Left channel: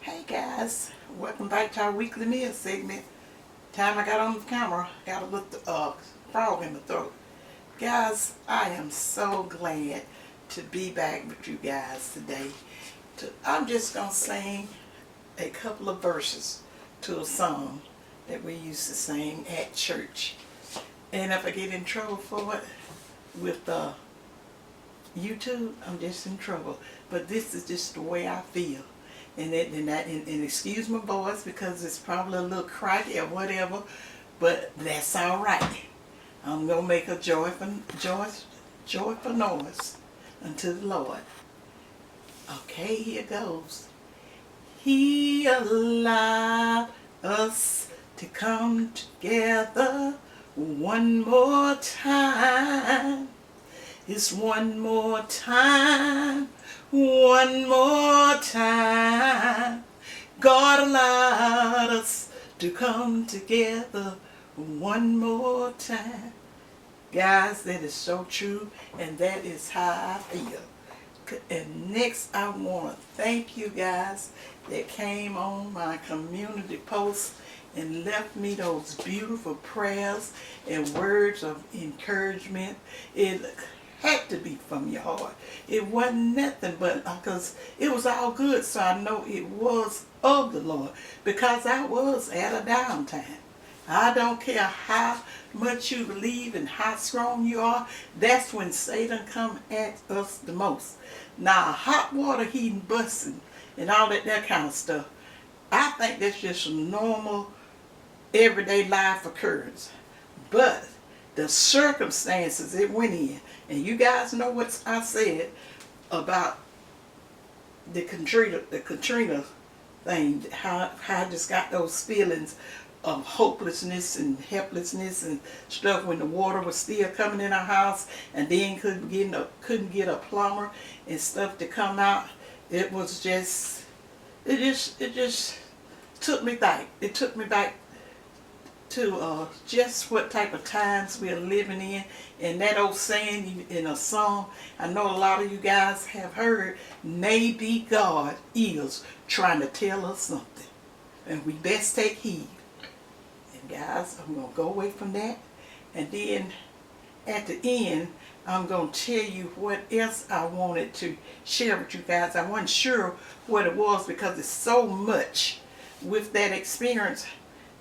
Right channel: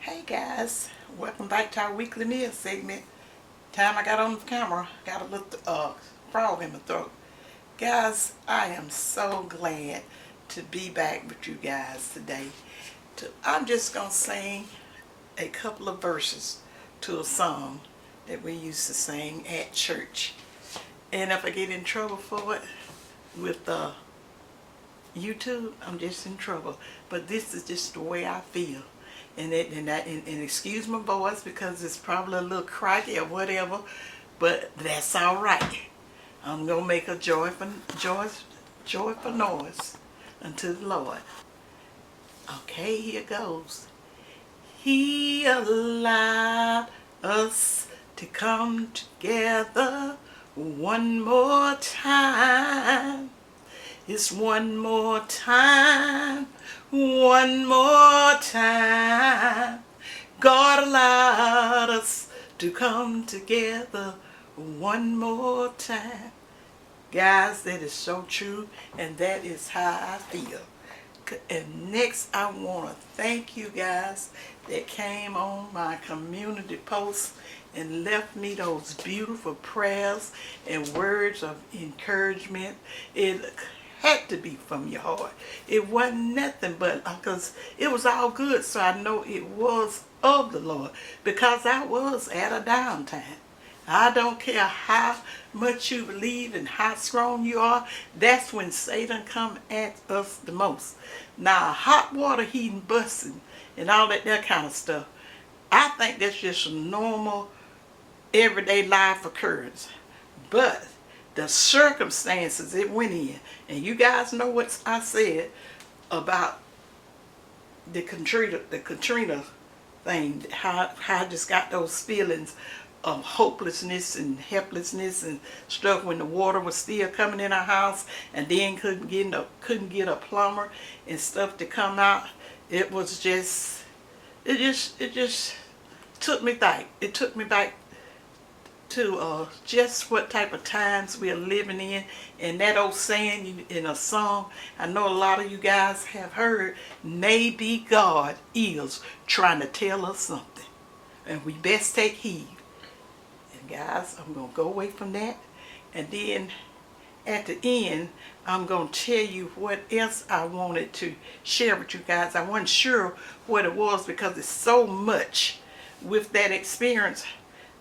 Hey guys, welcome back to our weekly meal segment. Time I got on the camera, got a little frog in my throat. Guys, I am so glad to be back with you guys today. I'm just going to sing a couple of verses to a song that we used to sing at church. And if I get in trouble for it with YouTube, I'm just in trouble. But this is just the way I feel. And excuse my voice because it's probably a little cracky or whatever, but that's all right. I'm gonna make a joyful noise unto the Lord. Okay, here goes. He allowed us to come together one more time. It's one more time, one more time. God allowed us to come together one more time. Guys, that is so true, and that is how I feel. And next, I want to thank you guys that came on my community post and left me those beautiful prayers and words of encouragement. It had to be from your heart. It wasn't nothing but because it was all good, so I know it was of the Lord because I was at a downtime. I don't care how much you believe and how strong you are, that's when Satan come at us the most. Now, hot water heating, busting, and all that kind of stuff, I think that's just a normal, everyday life occurrence. But the circumstances it went in, and you guys know what I said about the Katrina thing, how I just got those feelings of hopelessness and helplessness and stuff when the water was still coming in our house, and then couldn't get a plumber and stuff to come out. It was just it just took me back. It took me back to just what type of times we are living in. And that old saying in a song, I know a lot of you guys have heard, maybe God is trying to tell us something, and we best take heed. And guys, I'm going to go away from that, and then at the end, I'm going to tell you what else I wanted to share with you guys. I wasn't sure what it was because it's so much with that experience,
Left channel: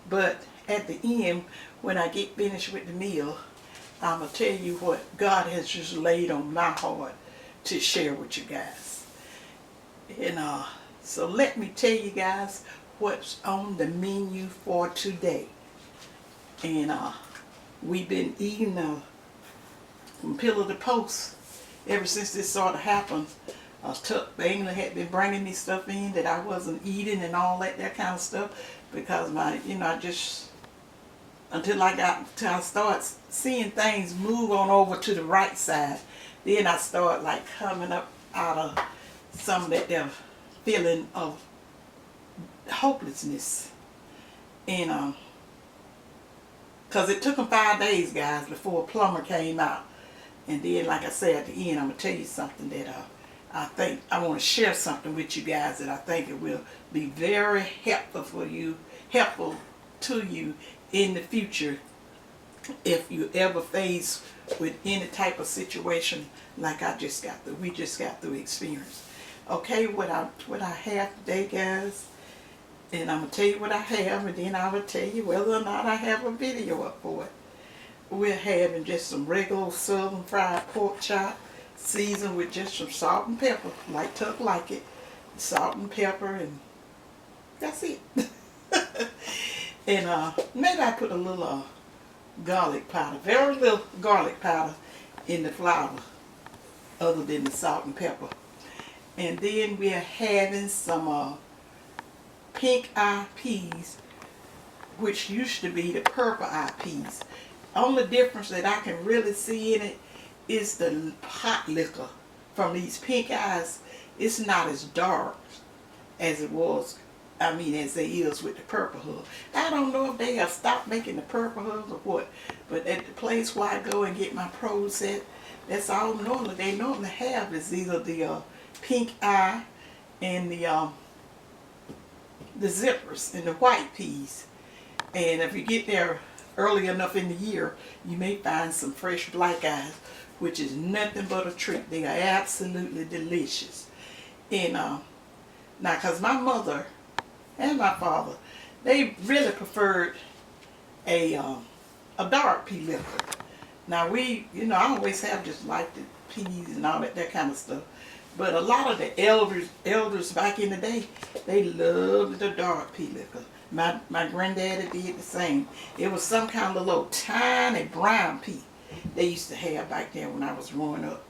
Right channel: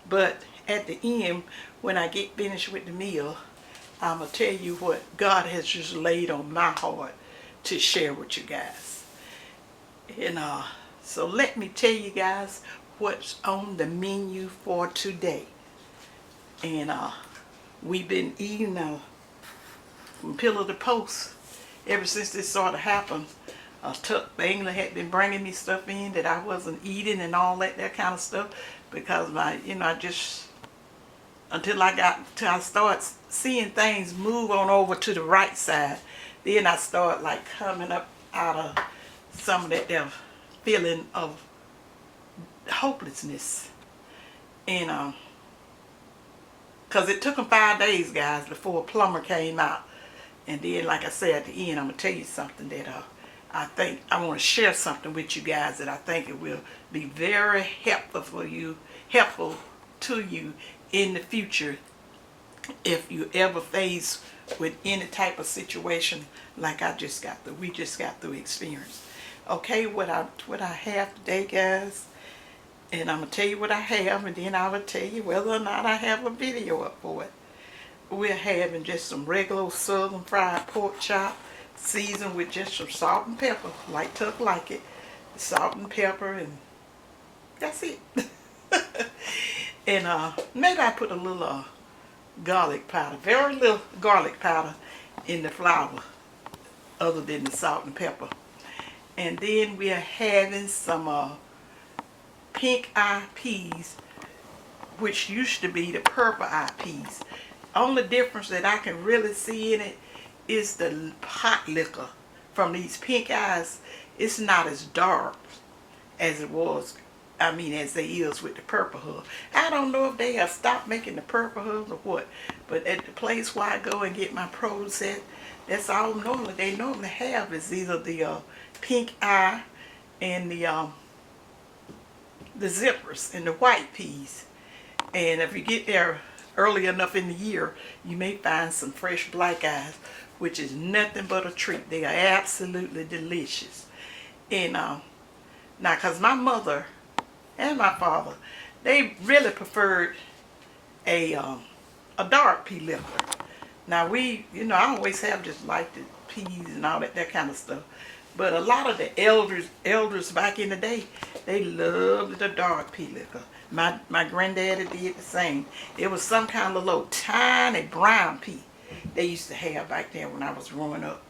but at the end, when I get finished with the meal, I'm going to tell you what God has just laid on my heart to share with you guys. And so let me tell you guys what's on the menu for today. And we've been eating from pillar to post ever since this sort of happened. England had been bringing me stuff in that I wasn't eating and all that kind of stuff because until I start seeing things move on over to the right side, then I start like coming up out of some of that feeling of hopelessness. And because it took them 5 days, guys, before a plumber came out. And then, like I said, at the end, I'm going to tell you something that I think I want to share something with you guys that I think it will be very helpful to you in the future if you ever face with any type of situation like we just got through experience. Okay, what I have today, guys, and I'm going to tell you what I have, and then I will tell you whether or not I have a video up for it. We're having just some regular southern fried pork chop, seasoned with just some salt and pepper, like Tuck like it. Salt and pepper, and that's it. And maybe I put a little garlic powder, very little garlic powder in the flour, other than the salt and pepper. And then we're having some pink eye peas, which used to be the purple eye peas. Only difference that I can really see in it is the hot liquor from these pink eyes. It's not as dark as it was, as they is with the purple hub. I don't know if they have stopped making the purple hubs or what, but at the place where I go and get my produce at, that's all they normally have is either the pink eye and the the zippers and the white peas. And if you get there early enough in the year, you may find some fresh black eyes, which is nothing but a treat. They are absolutely delicious. And now, because my mother and my father, they really preferred a dark pea liquor. Now I always have just liked the peas and all that kind of stuff. But a lot of the elders back in the day, they loved the dark pea liquor. My granddaddy did the same. It was some kind of little tiny brown pea they used to have back there when I was growing up.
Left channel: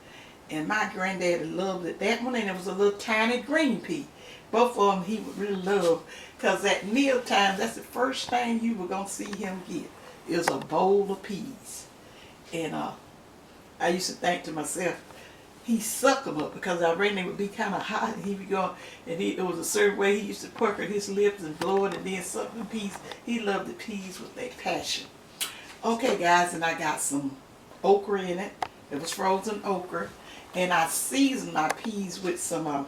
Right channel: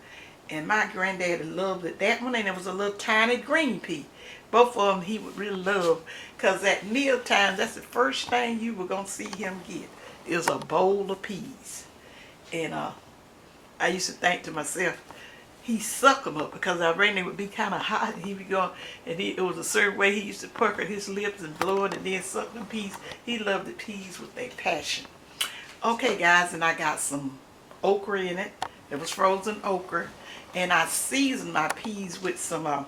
And my granddaddy loved it, that one, and it was a little tiny green pea. Both of them he would really love, because at meal time, that's the first thing you were going to see him get, is a bowl of peas. And I used to think to myself, he sucked them up, because I reckon they would be kind of hot, and he would go, and it was a certain way he used to pucker his lips and blow it and then suck them peas. He loved the peas with a passion. Okay, guys, and I got some okra in it. It was frozen okra. And I seasoned my peas with some,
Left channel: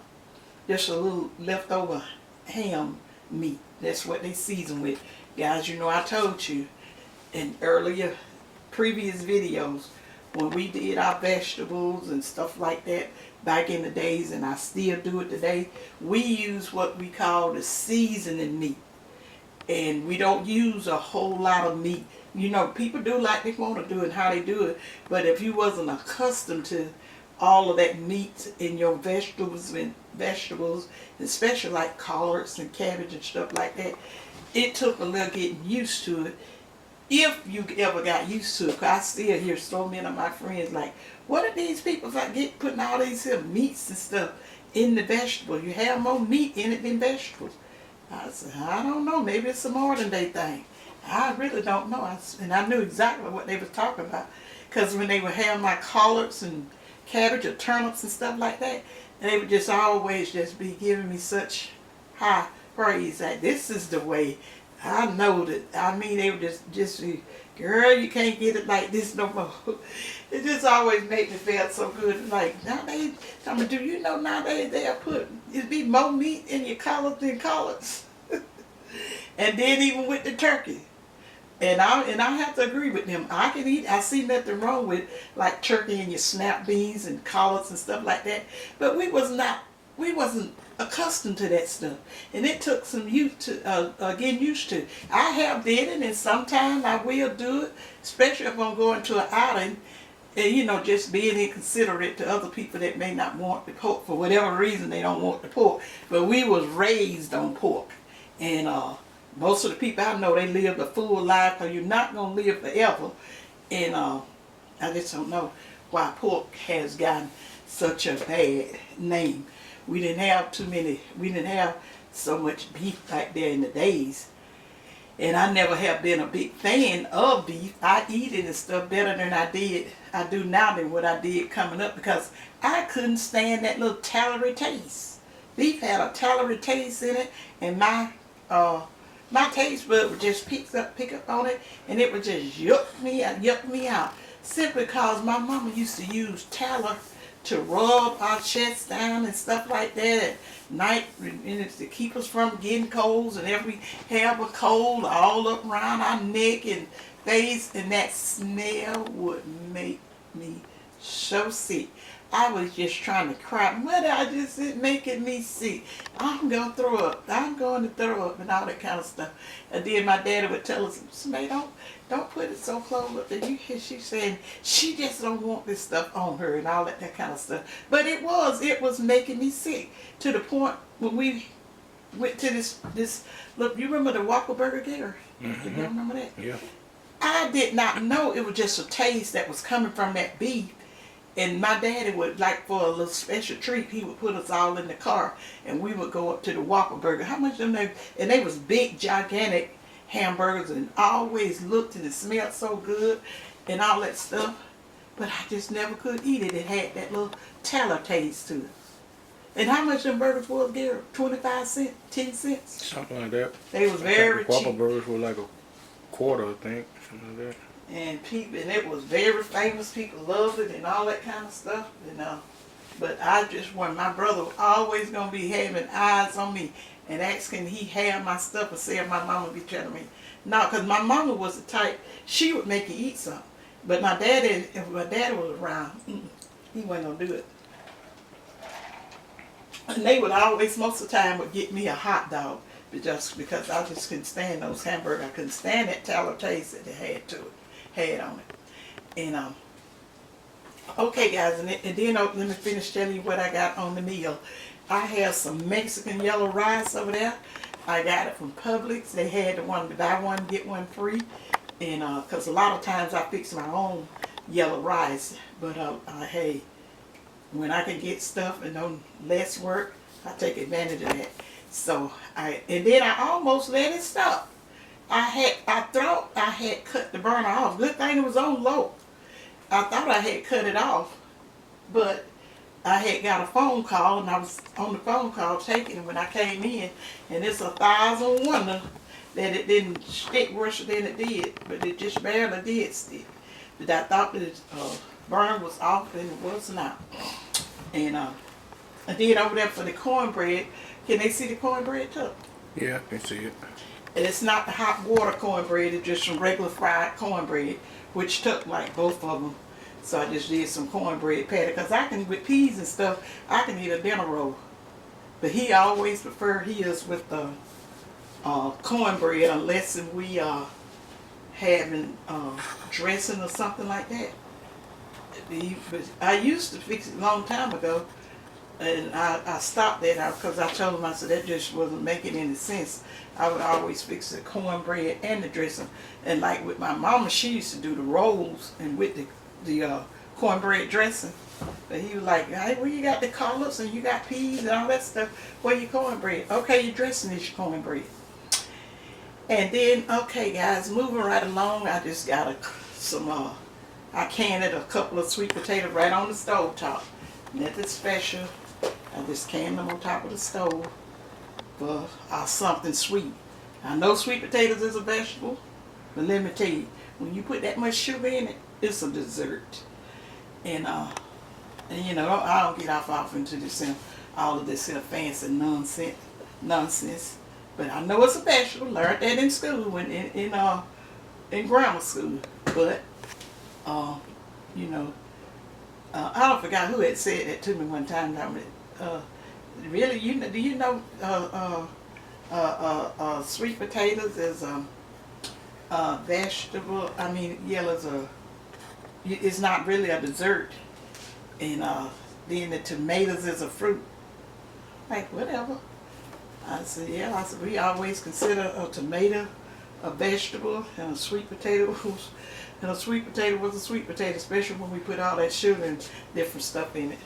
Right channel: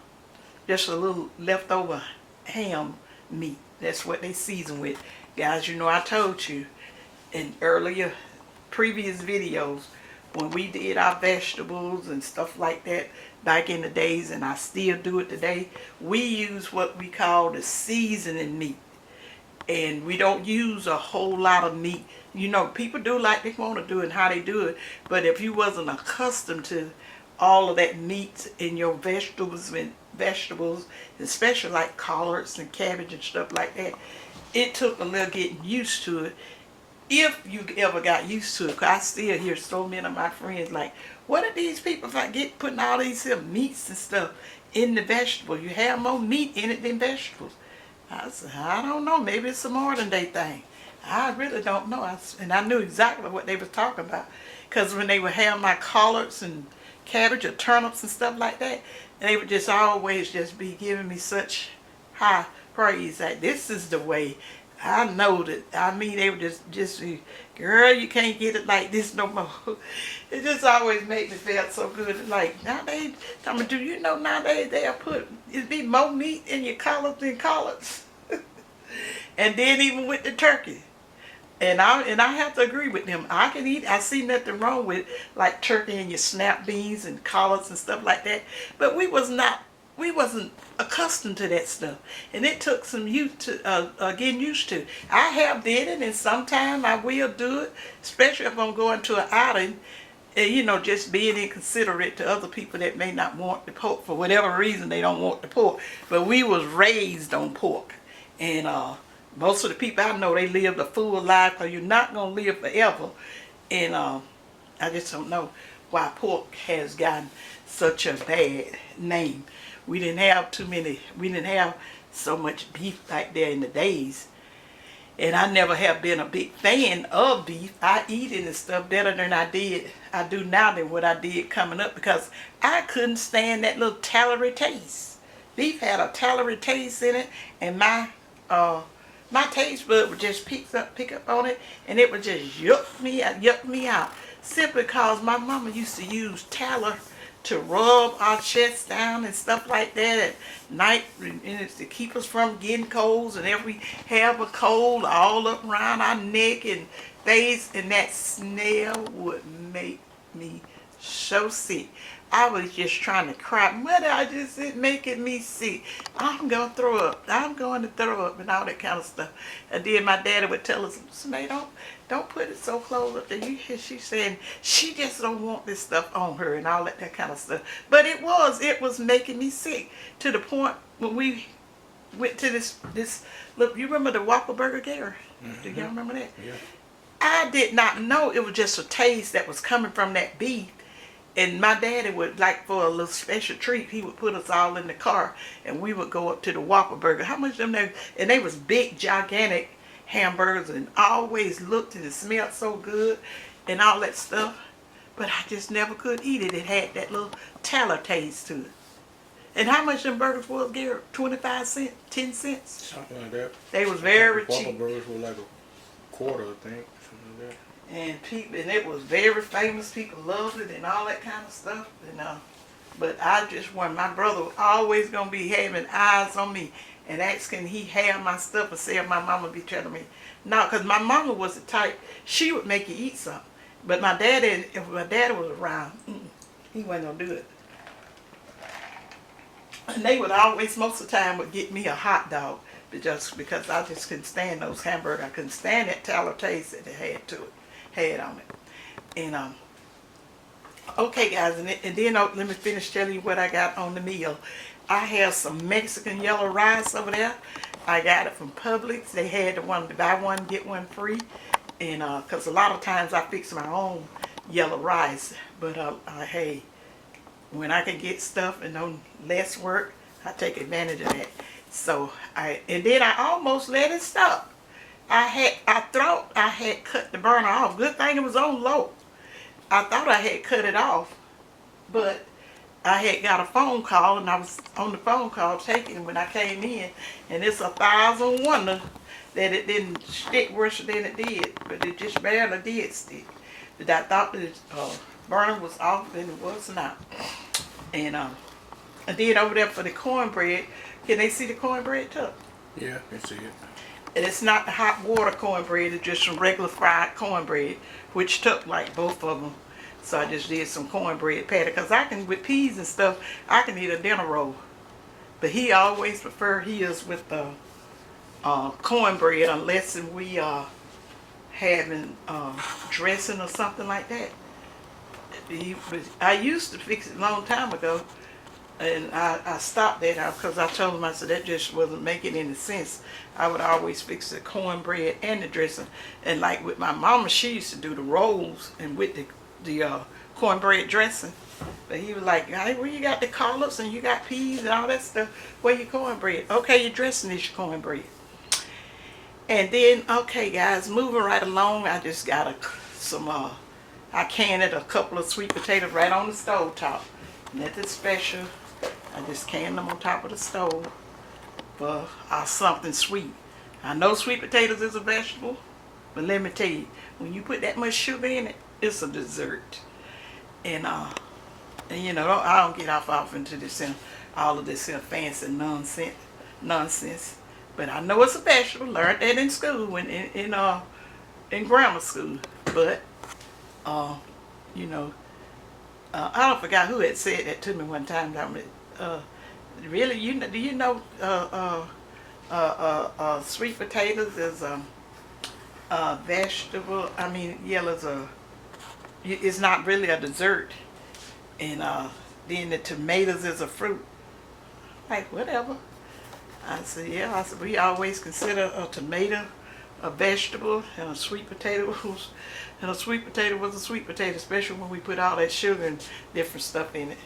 just a little leftover ham meat. That's what they season with. Guys, you know I told you in earlier, previous videos, when we did our vegetables and stuff like that back in the days, and I still do it today, we use what we call the seasoning meat. And we don't use a whole lot of meat. You know, people do like they want to do it and how they do it. But if you wasn't accustomed to all of that meat in your vegetables, especially like collards and cabbage and stuff like that, it took a little getting used to it. If you ever got used to it, because I still hear so many of my friends like, what are these people putting all these meats and stuff in the vegetable? You have more meat in it than vegetables. I said, I don't know, maybe it's a modern day thing. I really don't know. And I knew exactly what they were talking about, because when they would have my collards and cabbage or turnips and stuff like that, they would just always just be giving me such high praise that this is the way. I know that. I mean, they would just girl, you can't get it like this no more. It just always made me feel so good. Like nowadays, do you know nowadays they'll it'd be more meat in your collards than collards. And then even with the turkey. And I have to agree with them. I can eat. I see nothing wrong with like turkey and your snap beans and collards and stuff like that. But we wasn't accustomed to that stuff, and it took some getting used to. I have did it, and sometimes I will do it, especially if I'm going to an outing, and just being inconsiderate to other people that may not want the pork for whatever reason. They don't want the pork, but we was raised on pork, and most of the people I know, they lived a full life, because you're not going to live forever. And I just don't know why pork has gotten such a bad name. We didn't have so much beef back there in the days. And I never have been a big fan of beef. I eat it and stuff better than I do now than what I did coming up, because I couldn't stand that little tallowy taste. Beef had a tallowy taste in it, and my taste bud would just pick up on it, and it would just yuck me out. Simply because my mama used to use tallow to rub our chests down and stuff like that at night, and to keep us from getting colds, and if we have a cold all up around our neck and face, and that smell would make me so sick. I was just trying to cry. Mother, it's making me sick. I'm going to throw up. I'm going to throw up and all that kind of stuff. And then my daddy would tell us, May, don't put it so close up there. You hear she saying she just don't want this stuff on her and all that kind of stuff. But it was making me sick, to the point when we went to this look, you remember the Whopper Burger Gary? Mm-hmm. Do you remember that? Yeah. I did not know it was just a taste that was coming from that beef. And my daddy would, like, for a little special treat, he would put us all in the car, and we would go up to the Whopper Burger. How much of them there? And they was big, gigantic hamburgers, and always looked and it smelled so good and all that stuff. But I just never could eat it. It had that little tallow taste to it. And how much them burgers was, Gary? 25 cents? 10 cents? Something like that. They was very cheap. Whopper burgers were like a quarter, I think. Something like that. And it was very famous. People loved it and all that kind of stuff. And But I just want, my brother was always going to be having eyes on me and asking he have my stuff, and say my mama be telling me. No, because my mama was the type, she would make you eat something. But my daddy, if my daddy was around, he wasn't going to do it. And they would always, most of the time, would get me a hot dog. Just because I just couldn't stand those hamburgers. I couldn't stand that tallow taste that they had on it. And okay, guys, and then let me finish telling you what I got on the meal. I have some Mexican yellow rice over there. I got it from Publix. They had the one to buy one get one free, and because a lot of times I fix my own yellow rice, but hey, when I can get stuff and no less work, I take advantage of that. So and then I almost let it stop. I thought I had cut the burner off. Good thing it was on low. I thought I had cut it off, but I had got a phone call, and I was on the phone call taking it when I came in, and it's 1,000 wonder that it didn't stick worse than it did, but it just barely did stick. But I thought the burner was off, and it was not. And then over there for the cornbread, can they see the cornbread too? Yeah, I can see it. And it's not the hot water cornbread, it's just some regular fried cornbread, which took like both of them. So I just did some cornbread patty, because I can, with peas and stuff, I can eat a dinner roll. But he always prefer his with the cornbread, unless we are having dressing or something like that. But I used to fix it a long time ago, and I stopped that out because I told him, I said, that just wasn't making any sense. I would always fix the cornbread and the dressing. And like with my mama, she used to do the rolls and with the cornbread dressing. But he was like, hey, well, you got the collards and you got peas and all that stuff. Where your cornbread? Okay, your dressing is your cornbread. And then, okay, guys, moving right along, I just got I canned a couple of sweet potatoes right on the stove top. Nothing special. I just canned them on top of the stove for something sweet. I know sweet potatoes is a vegetable, but let me tell you, when you put that much sugar in it, it's a dessert. And you know, I don't get off into this all of this fancy nonsense. But I know it's a vegetable. Learned that in school, in grammar school. But you know, I don't forget who had said that to me one time. Really, do you know sweet potatoes is a vegetable? I mean, it's not really a dessert. And then the tomatoes is a fruit. Like, whatever. I said, yeah. I said, we always consider a tomato a vegetable, and a sweet potato was a sweet potato, especially when we put all that sugar and different stuff in it.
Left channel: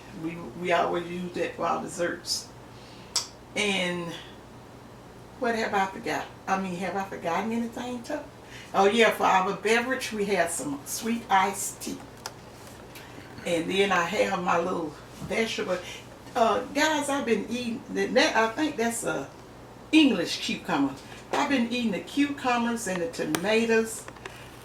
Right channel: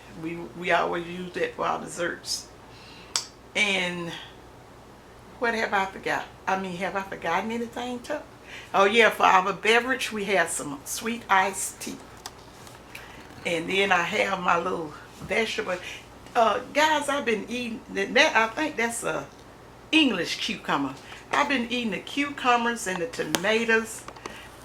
We always use that for our desserts. And what have I forgot? I mean, have I forgotten anything too? Oh yeah, for our beverage we have some sweet iced tea. And then I have my little vegetable. Guys, I've been eating that. I think that's a English cucumber. I've been eating the cucumbers and the tomatoes,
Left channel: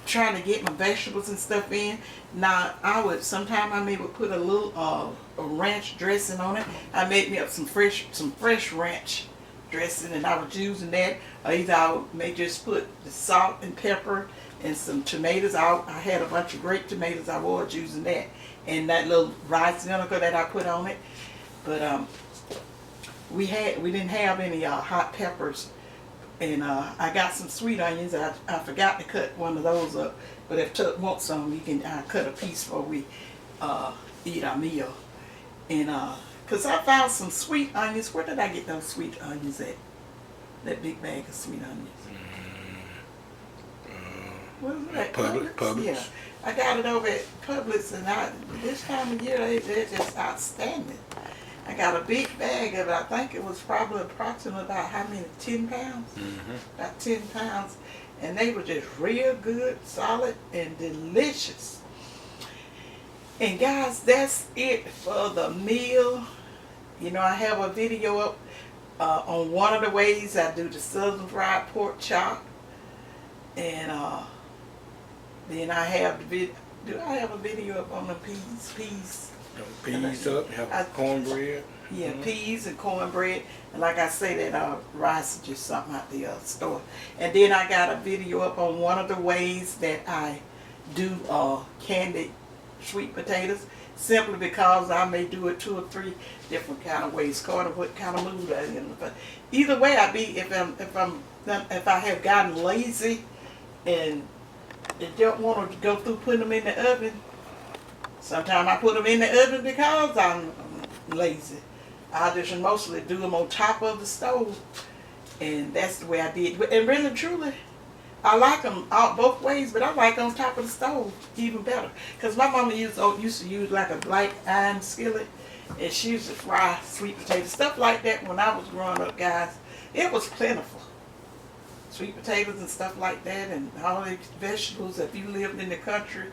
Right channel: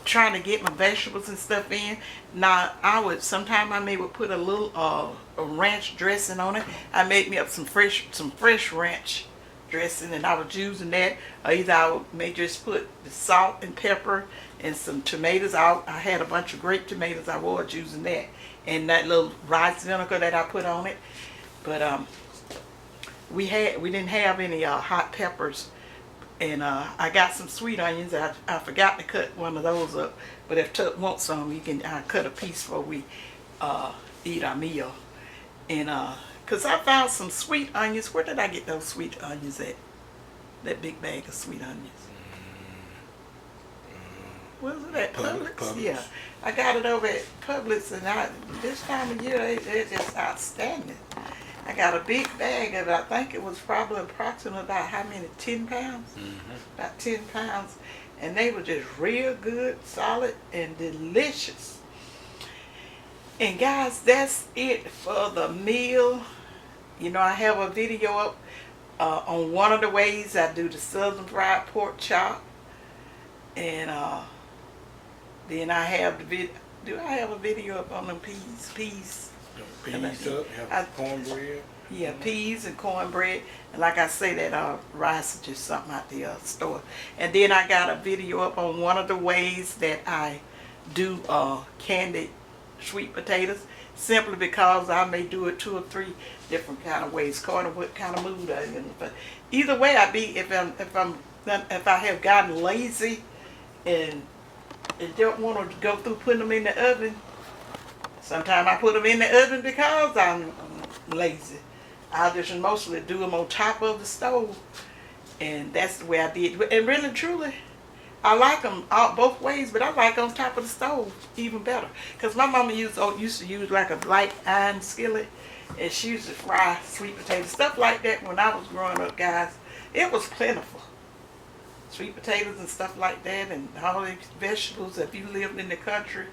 trying to get my vegetables and stuff in. Now, sometimes I would put a little a ranch dressing on it. I made me up some fresh ranch dressing, and I was using that. Or either I may just put the salt and pepper and some tomatoes. I had a bunch of grape tomatoes. I was using that, and that little rice vinegar that I put on it. But we didn't have any hot peppers. And I got some sweet onions. I forgot to cut one of those up. But if Tuck wants some, you can cut a piece before we eat our meal. And because I found some sweet onions. Where did I get those sweet onions at? That big bag of sweet onions. What was that? Publix? Yeah. I got it over at Publix, and this time of year, they're just outstanding. I got a big bag of it. I think it was probably approximately about how many? 10 pounds? Mm-hmm. About 10 pounds. And they were just real good, solid, and delicious. And guys, that's it for the meal. You know, I have a video up on one of the ways I do the southern fried pork chop. And then I have the video. Do I have a video up on the peas? Peas up, have cornbread. Yeah, peas and cornbread. And like I say, that rice is just something out the store. And then I got a video up on one of the ways that I do candied sweet potatoes, simply because I may do it 2 or 3 different kind of ways, according to what kind of mood I'm in. But either way, if I have gotten lazy and don't want to go through putting them in the oven, sometimes I put them in the oven because I'm lazy. I just mostly do them on top of the stove, and that's the way I did. And really, truly, I like them out both ways, but I like on top of the stove even better. Because my mama used to use like a black iron skillet, and she used to fry sweet potatoes, stuff like that. When I was growing up, guys, it was plentiful. Sweet potatoes and stuff like that, and all these vegetables. If you lived in the country,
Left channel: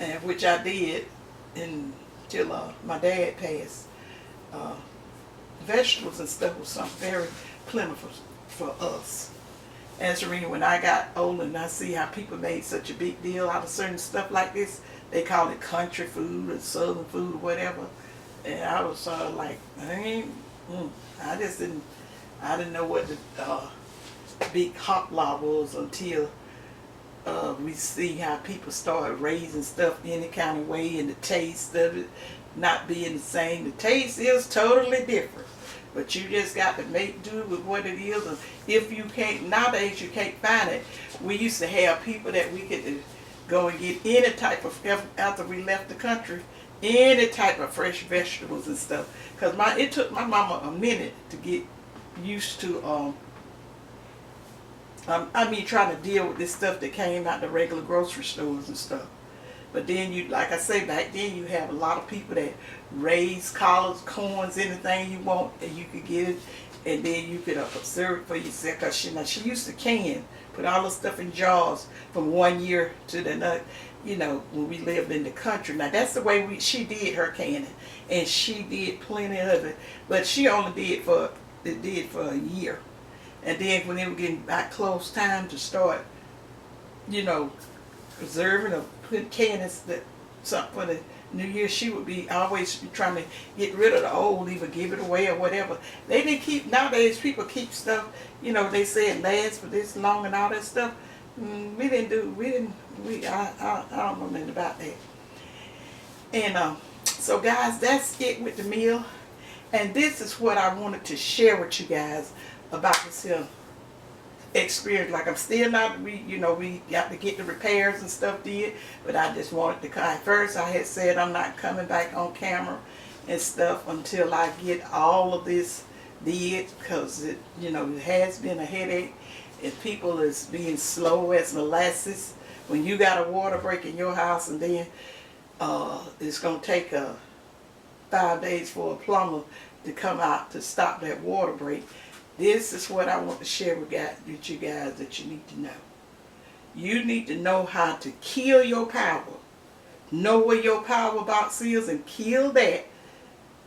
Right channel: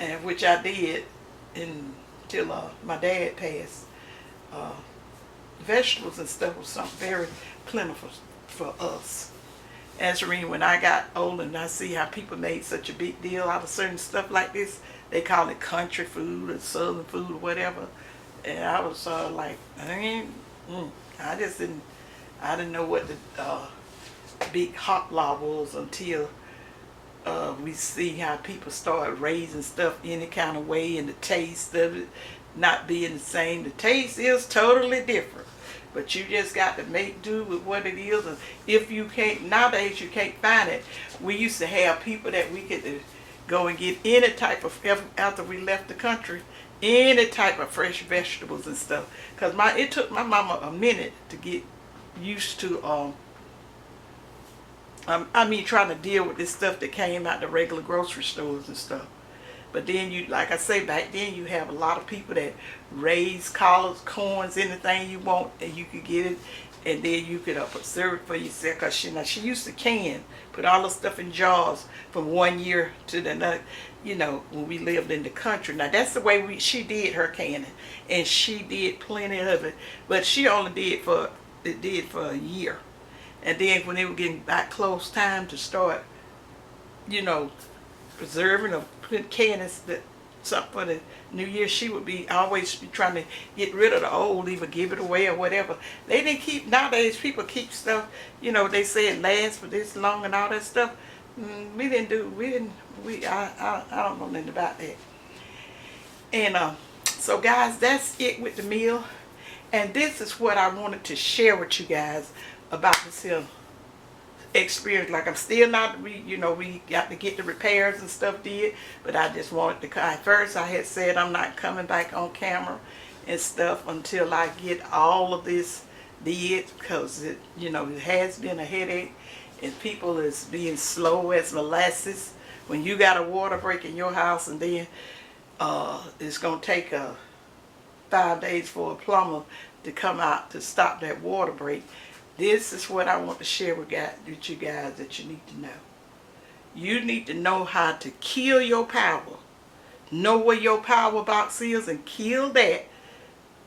and which I did until my dad passed, vegetables and stuff was something very plentiful for us. As when I got older and I see how people made such a big deal out of certain stuff like this, they call it country food or southern food or whatever, and I was like, I didn't know what the big hot law was until we see how people start raising stuff any kind of way, and the taste of it not being the same. The taste is totally different, but you just got to make do with what it is. And if you can't, nowadays you can't find it. We used to have people that we could go and get any type of, after we left the country, any type of fresh vegetables and stuff. Because it took my mama a minute to get used to trying to deal with this stuff that came out the regular grocery stores and stuff. But then like I say, back then you have a lot of people that raise collards, corns, anything you want, and you could get it, and then you could preserve it for yourself. Cause she used to put all the stuff in jars from one year to the next. When we lived in the country. Now that's the way she did her canning, and she did plenty of it. But she only did for a year. And then when they were getting back close time to start, preserving or put canning something for the New Year, she would always be trying to get rid of the old, either give it away or whatever. They didn't keep, nowadays people keep stuff, they say it lasts for this long and all that stuff. I don't know nothing about that. And so guys, that's it with the meal. And this is what I wanted to share with you guys about this experience. Like, I'm still not, we got to get the repairs and stuff did, but I just wanted to, at first I had said I'm not coming back on camera and stuff until I get all of this did, because it has been a headache, and people is being slow as molasses. When you got a water break in your house, and then it's going to take 5 days for a plumber to come out to stop that water break. This is what I want to share with you guys that you need to know. You need to know how to kill your power. Know where your power box is and kill that.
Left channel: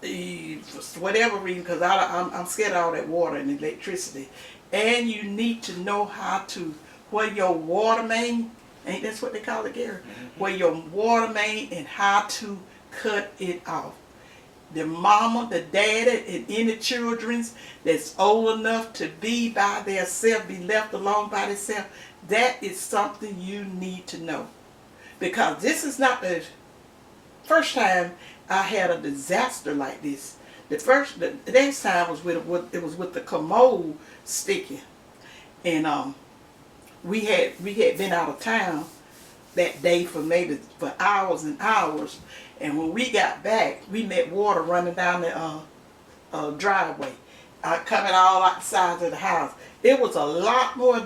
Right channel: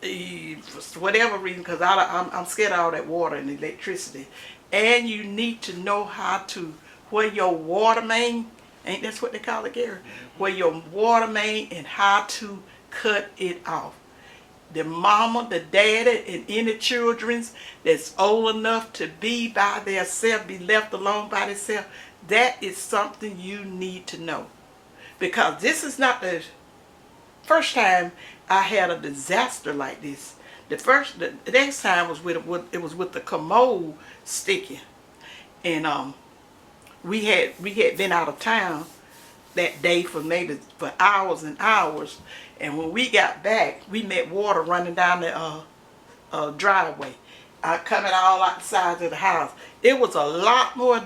For whatever reason, because I'm scared of all that water and electricity. And you need to know how to, where your water main, ain't that's what they call it, Gary? Mm-hmm. Where your water main, and how to cut it off. The mama, the daddy, and any children's that's old enough to be by themselves, be left alone by themselves, that is something you need to know. Because this is not the first time I had a disaster like this. The next time was with the commode sticking, and we had been out of town that day for hours and hours, and when we got back, we met water running down the driveway, coming all out the sides of the house. It was a lot more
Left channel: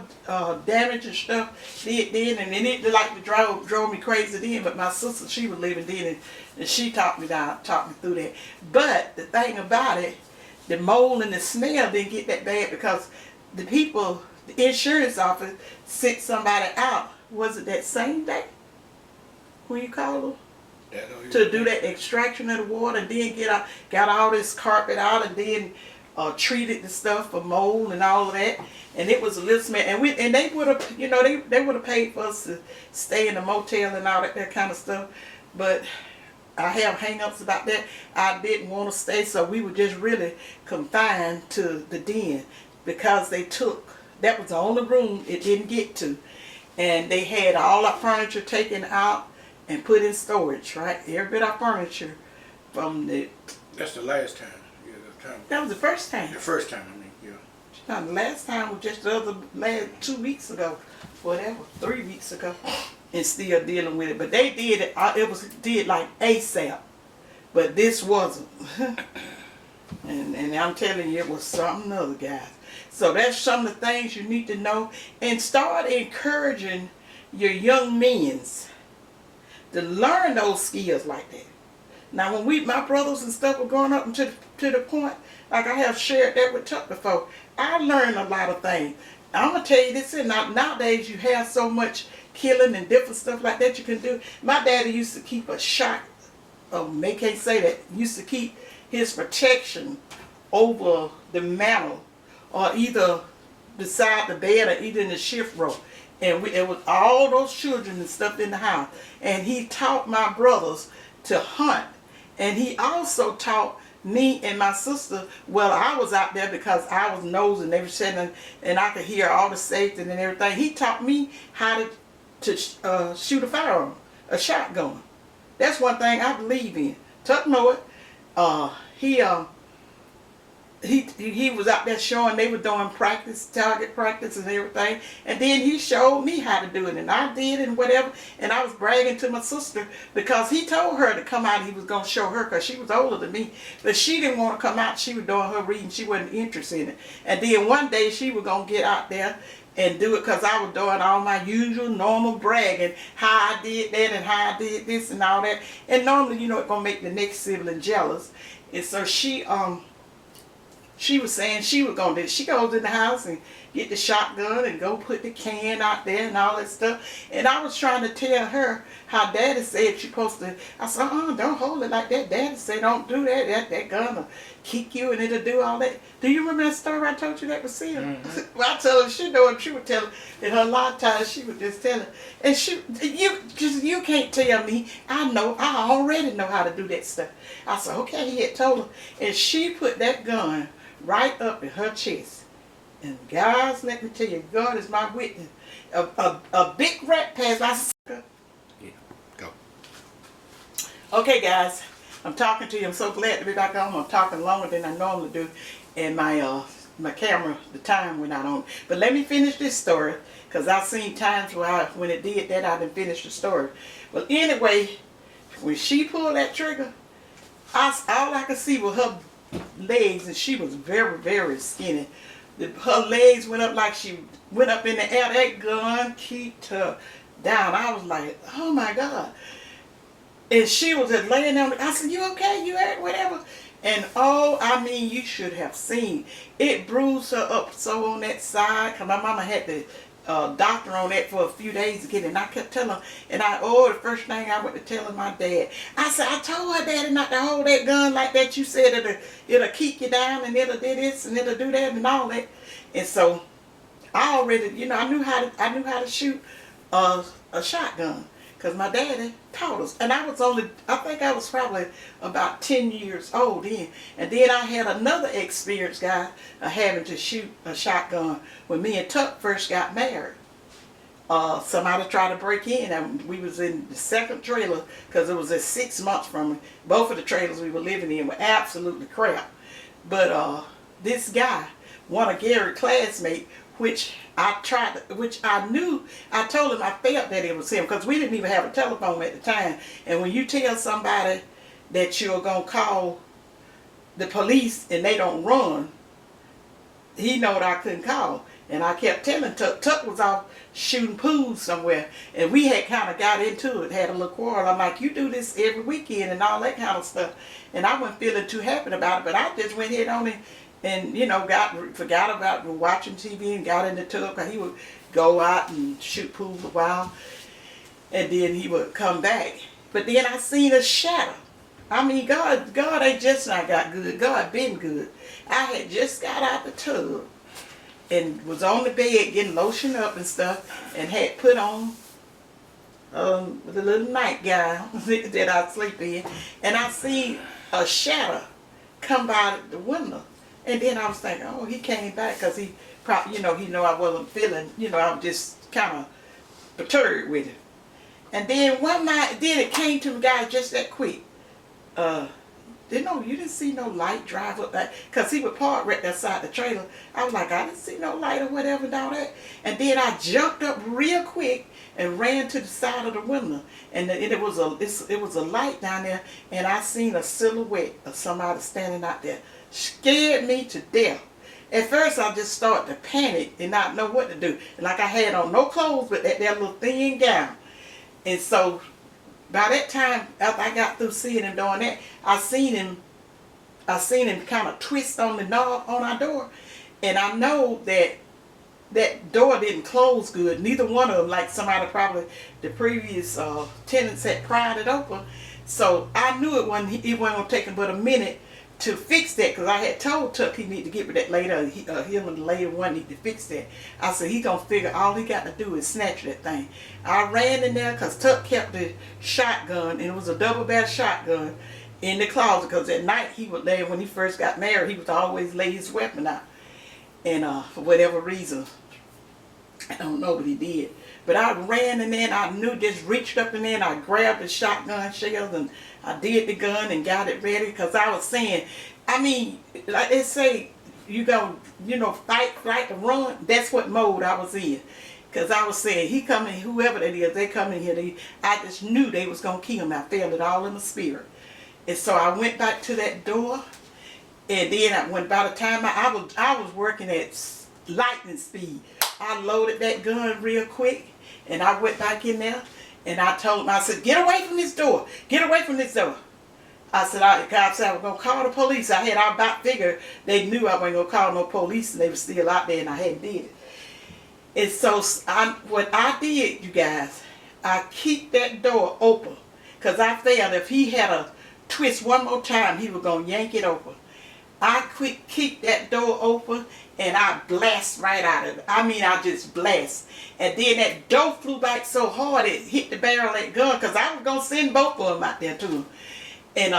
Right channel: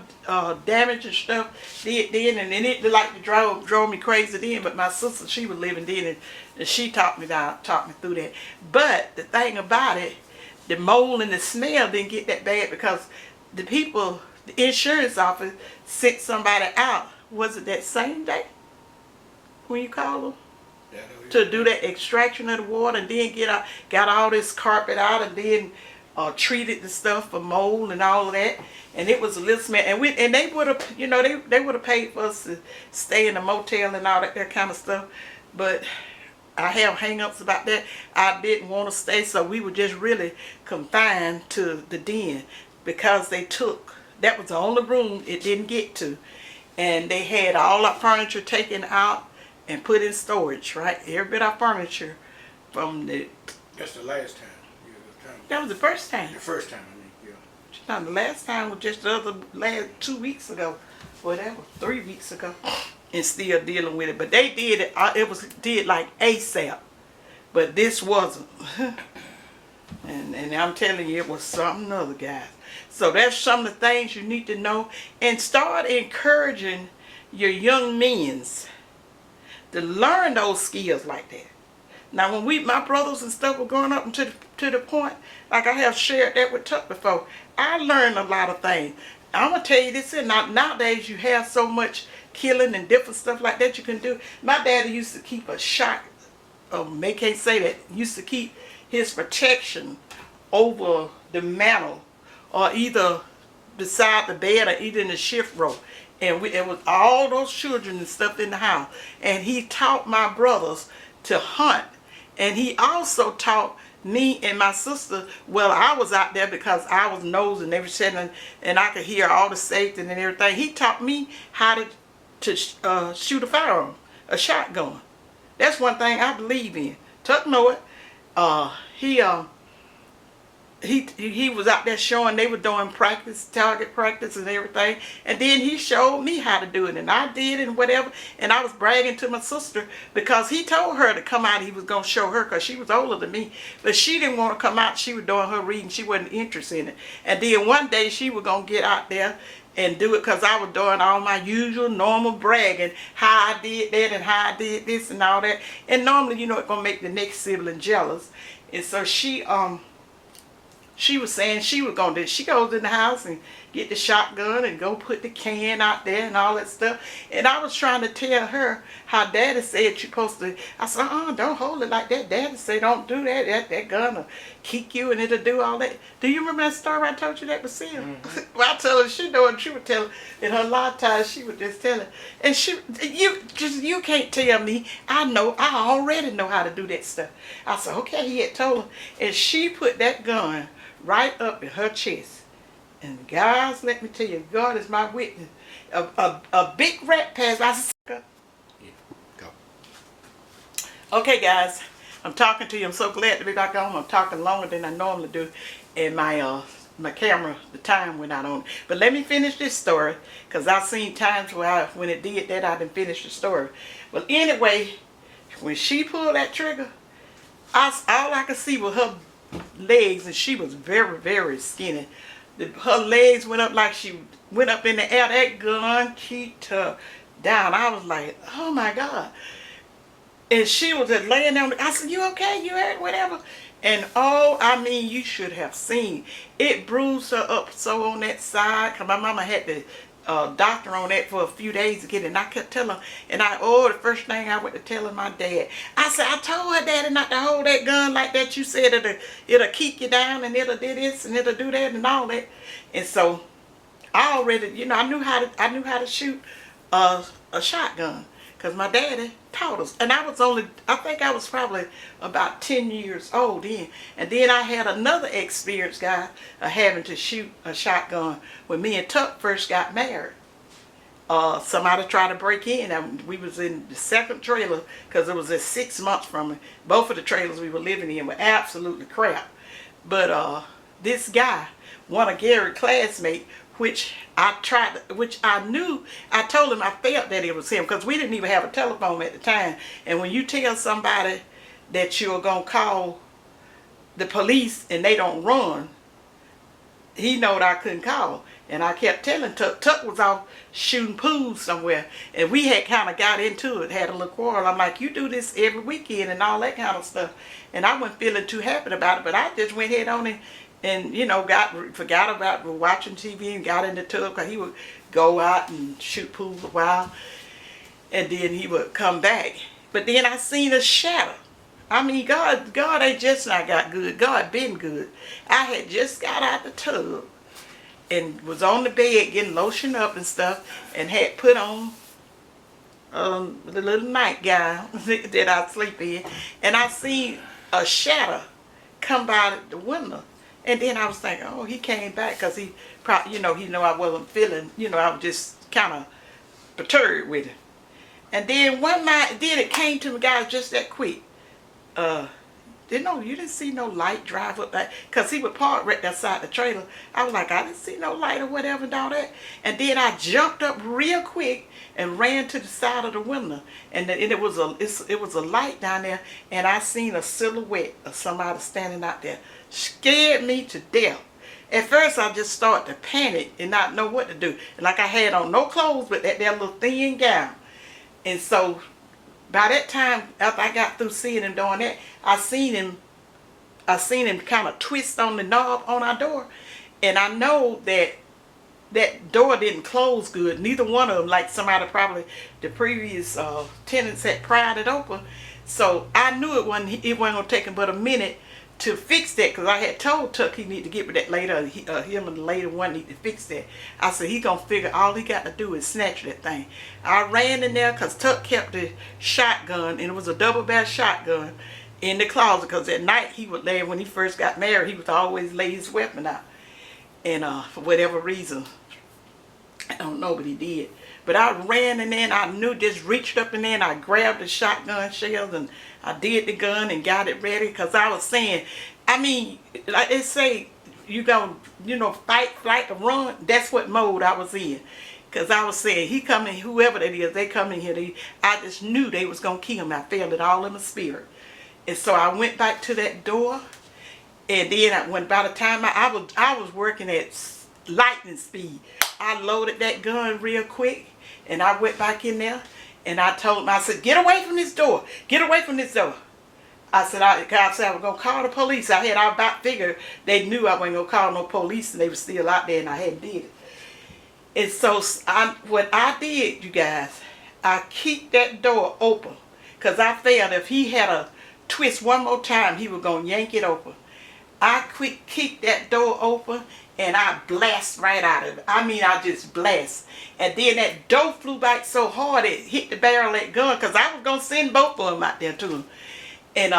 damage and stuff then, and it like drove me crazy then. But my sister, she was living then, and she talked me through that. But the thing about it, the mold and the smell didn't get that bad, because the insurance office sent somebody out. Was it that same day when you called them to do that extraction of the water, and then got all this carpet out, and then treated the stuff for mold and all of that, and it was a little smell. And they would have, they would have paid for us to stay in a motel and all that kind of stuff. But I have hang-ups about that. I didn't want to stay, so we were just really confined to the den because they took, that was the only room it didn't get to. And they had all our furniture taken out and put in storage, right? Every bit of furniture from the... That's the last time. Yeah, the time. That was the first time. The first time, I mean, yeah. Now, the last time was just last 2 weeks ago, whatever, 3 weeks ago, and still dealing with it. But they did it. Did like ASAP, but this wasn't. and I'm telling you, it was something other, guys. So that's some of the things you need to know, and start encouraging your young men to learn those skills like that. Now, when my brothers and stuff were growing up to the point, like I have shared that with Chuck before, I learned a lot of things. I'm going to tell you this, nowadays you have so much killing and different stuff like that you can do. My daddy used to keep a shot, they can't say that, used to keep his protection over the mantle, or either beside the bed or either in the shift row. And it was all those children and stuff in the house. And he taught my brothers to hunt. And he also taught me and my sister, well, I was out there because I was nosing everything, and I could hear all the safety and everything. He taught me how to shoot a firearm, a shotgun. That's one thing I believe in. Tuck know it. He was out there showing, they were doing practice, target practice and everything. And then he showed me how to do it, and I did it and whatever. And I was bragging to my sister because he told her to come out. He was going to show her because she was older than me. But she didn't want to come out. She was doing her reading. She wasn't interested in it. And then one day she was going to get out there and do it because I was doing all my usual normal bragging, how I did that and how I did this and all that. And normally, you know, it's going to make the next sibling jealous. And so she was saying she was going to do it. She goes in the house and get the shotgun and go put the can out there and all that stuff. And I was trying to tell her how Daddy said you're supposed to. I said, don't hold it like that. Daddy said don't do that. That gun will kick you and it'll do all that. Do you remember that story I told you that was Sid? Mm-hmm. Well, I told her she knew, and she would tell her. In her lifetime, she would just tell her. And you can't tell me. I already know how to do that stuff. I said, okay, he had told her. And she put that gun right up in her chest. And guys, let me tell you, God is my witness. A big rat passed. I said, yeah, go. Okay, guys, I'm talking to you. I'm so glad to be back on. I'm talking longer than I normally do. And my camera, the time went out on. But let me finish this story, because I've seen times where when it did that, I didn't finish the story. Well, anyway, when she pulled that trigger, all I could see was her legs, and she was very, very skinny. Her legs went up like she went up in the air. That gun kicked her down. I was like, oh my God. And she was just laying down. I said, you okay? You hurt? Whatever. And you should have seen. It bruised her up so on that side. Because my mama had the doctor on that for a few days to get it. And I kept telling her. And the first thing I went to telling my dad. I said, I told her daddy not to hold that gun like that. You said it'll keep you down and it'll do this and it'll do that and all that. And so I already, I knew how to shoot a shotgun. Because my daddy taught us. And I think I was probably about 10 years old then. And then I had another experience, guys, of having to shoot a shotgun when me and Tuck first got married. Somebody tried to break in, and we was in the second trailer because it was just 6 months from it. Both of the trailers we were living in were absolutely crap. But this guy, one of Gary's classmates, which I knew, I told him I felt that it was him, because we didn't even have a telephone at the time. And when you tell somebody that you're going to call the police and they don't run, he knowed I couldn't call. And I kept telling Tuck. Tuck was off shooting pools somewhere. And we had kind of got into it, had a little quarrel. I'm like, you do this every weekend and all that kind of stuff. And I wasn't feeling too happy about it, but I just went head on and forgot about watching TV and got in the tub, because he would go out and shoot pool for a while, and then he would come back. But then I seen a shadow. God ain't just not got good. God been good. I had just got out the tub and was on the bed getting lotioned up and stuff, and had put on the little nightgown that I sleep in, and I seen a shadow come by the window, and then I was thinking, oh, he came back because he probably, he know I wasn't feeling, I was just kind of perturbed with it. And then one night, then it came to me, guys, just that quick. You didn't see no light drive up that, because he would park right outside the trailer. I was like, I didn't see no light or whatever and all that. And then I jumped up real quick and ran to the side of the window. And it was a light down there, and I seen a silhouette of somebody standing out there. Scared me to death. At first, I just started to panic and not know what to do. Like I had on no clothes but that little thin gown. And so by that time, after I got through seeing him doing that, I seen him kind of twist on the knob on our door. And I know that door didn't close good. Neither one of them, like somebody probably, the previous tenants had pried it open. So I knew it wasn't going to take him but a minute to fix that, because I had told Tuck he need to get with that later. Him and the later one need to fix that. I said he gonna figure all he got to do is snatch that thing. I ran in there because Tuck kept the shotgun, and it was a double barrel shotgun in the closet, because at night he would lay, when he first got married, he would always lay his weapon out. And for whatever reason, I don't know, but he did. But I ran in there, and I knew, just reached up in there, and I grabbed the shotgun shells, and I did the gun and got it ready, because I was saying, I mean, like they say, you go, fight, flight, or run. That's what mode I was in. Because I was saying, he coming, whoever that is, they come in here, I just knew they was going to kill me. I felt it all in my spirit. And so I went back to that door, and then by the time I was working at lightning speed, I loaded that gun real quick, and I went back in there, and I told him, I said, get away from this door. Get away from this door. I said, I was going to call the police. I about figured they knew I wasn't going to call no police, and they were still out there, and I hadn't did it. And so what I did, you guys, I keep that door open, because I felt if he had a twist one more time, he was going to yank it open. I keep that door open, and I blast right out of it. I mean, I just blast. And then that door flew back so hard it hit the barrel of that gun, because I was going to send both of them out there to him. And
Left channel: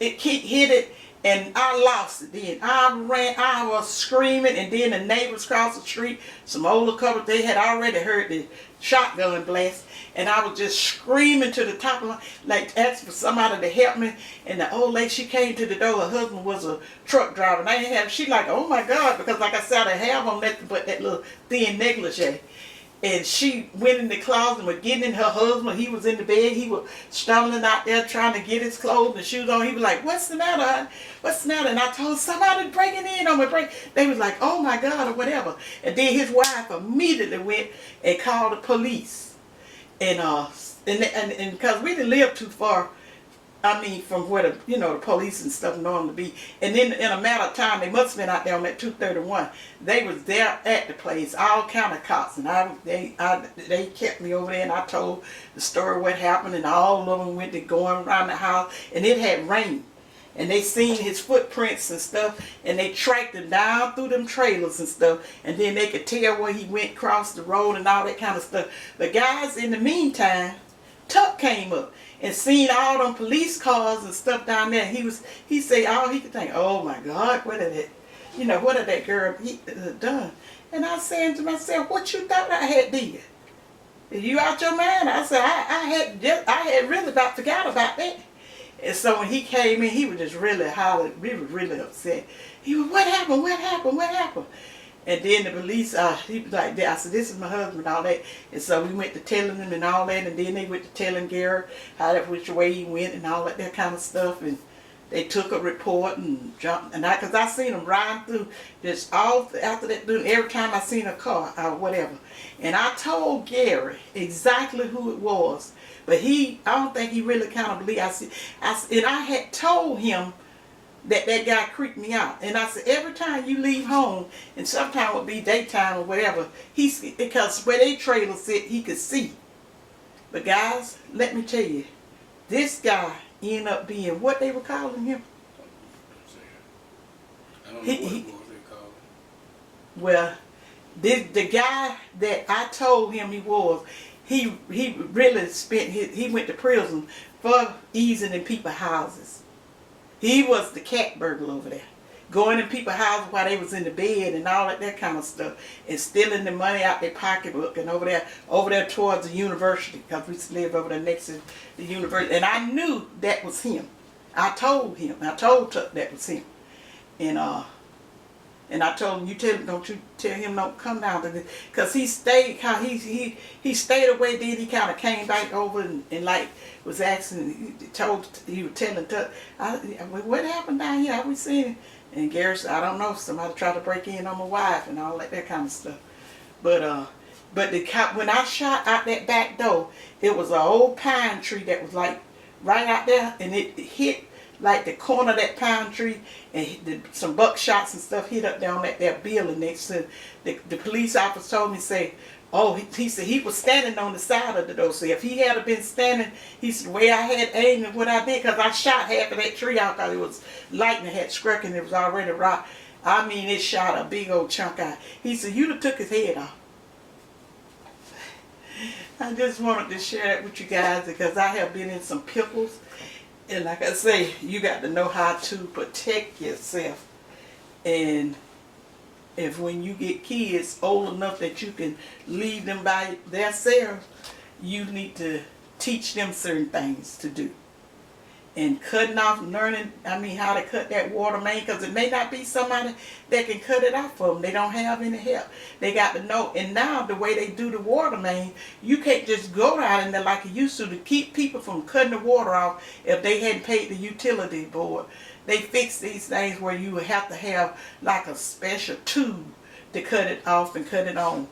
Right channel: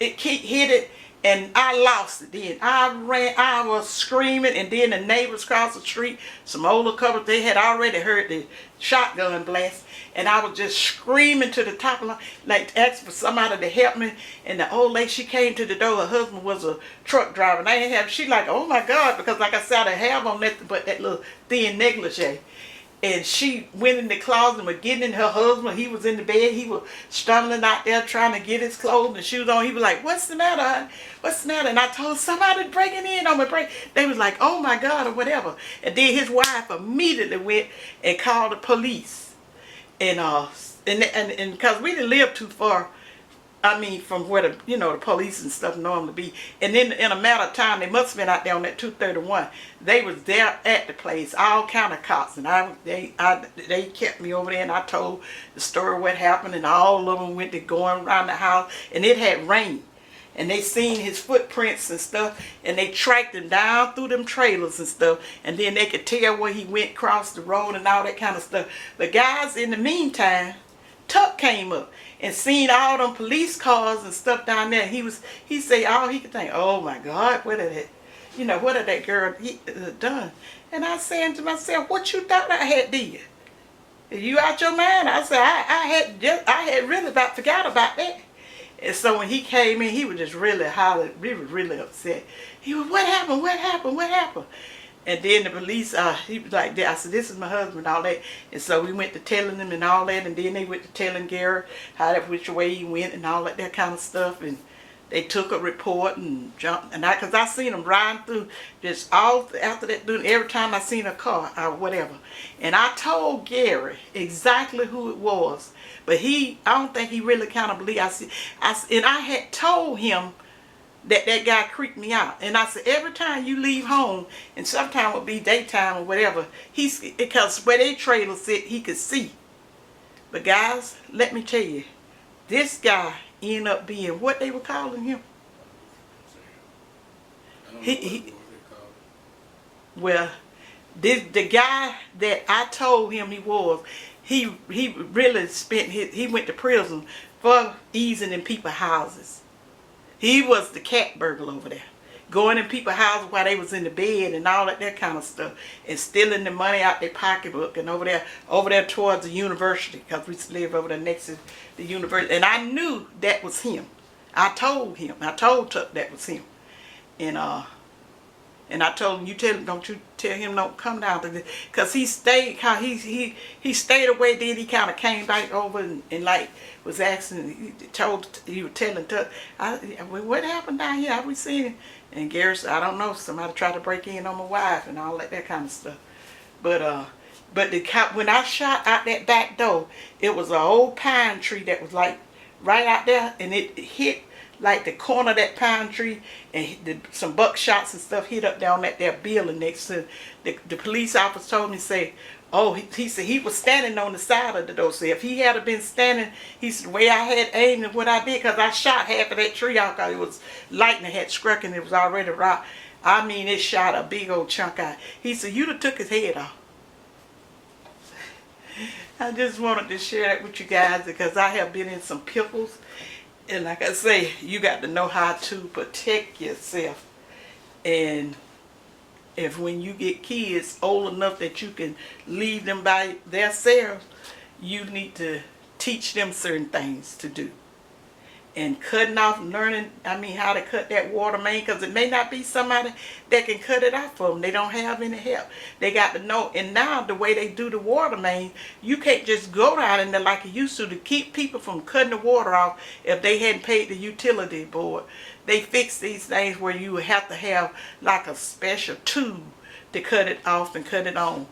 it hit it, and I lost it. Then I ran, I was screaming, and then the neighbors across the street, some older couples, they had already heard the shotgun blast, and I was just screaming to the top of my, like asking for somebody to help me. And the old lady, she came to the door. Her husband was a truck driver, and I didn't have. She like, oh my God, because like I said, I have on nothing but that little thin negligee. And she went in the closet and was getting in her husband. He was in the bed. He was stumbling out there trying to get his clothes and shoes on. He was like, what's the matter, honey? What's the matter? And I told somebody breaking in on my break. They was like, oh my God, or whatever. And then his wife immediately went and called the police. And because we didn't live too far, I mean, from where the police and stuff normally be. And then in a matter of time, they must have been out there on that 231. They was there at the place, all kind of cops. And they kept me over there, and I told the story what happened, and all of them went to going around the house. And it had rained. And they seen his footprints and stuff, and they tracked him down through them trailers and stuff. And then they could tell where he went across the road and all that kind of stuff. But guys, in the meantime, Tuck came up and seen all them police cars and stuff down there. He said all he could think, oh my God, what had that girl done? And I said to myself, what you thought I had did? You out your mind? I said, I had really about forgot about that. And so when he came in, he was just really hollering. He was really upset. He was, what happened? What happened? What happened? And then the police, he was like, I said, this is my husband and all that. And so we went to telling them and all that. And then they went to telling Gary which way he went and all that kind of stuff. And they took a report and jumped. And because I seen them riding through just all after that, every time I seen a car or whatever. And I told Gary exactly who it was. But I don't think he really kind of believed. And I had told him that guy creeped me out. And I said, every time you leave home, and sometimes it would be daytime or whatever, because where they trailer sit, he could see. But guys, let me tell you, this guy ended up being what they were calling him. I don't know what they called him. Well, the guy that I told him he was, he really spent he went to prison for easing in people's houses. He was the cat burglar over there. Going in people's houses while they was in the bed and all that kind of stuff, and stealing the money out their pocketbook, and over there towards the university, because we lived over there next to the university. And I knew that was him. I told Tuck that was him. And I told him, don't you tell him don't come down to this, because he stayed away. Then he kind of came back over and like was asking. He was telling Tuck, what happened down here? Have we seen him? And Gary said, I don't know. Somebody tried to break in on my wife and all that kind of stuff. But when I shot out that back door, it was an old pine tree that was like right out there, and it hit like the corner of that pine tree, and some buckshots and stuff hit up down that there building next to the police officer told me, say, oh, he said he was standing on the side of the door. So if he had been standing, he said, the way I had aimed and what I did, because I shot half of that tree out, because it was lightning had struck and it was already rock. I mean, it shot a big old chunk out. He said, you'd have took his head off. I just wanted to share that with you guys, because I have been in some pickles. And like I say, you got to know how to protect yourself. And if when you get kids old enough that you can leave them by themselves, you need to teach them certain things to do. And learning how to cut that water main, because it may not be somebody that can cut it out for them. They don't have any help. They got to know. And now the way they do the water main, you can't just go out in there like you used to keep people from cutting the water off if they hadn't paid the utility board. They fix these things where you would have to have like a special tube to cut it off and cut it on.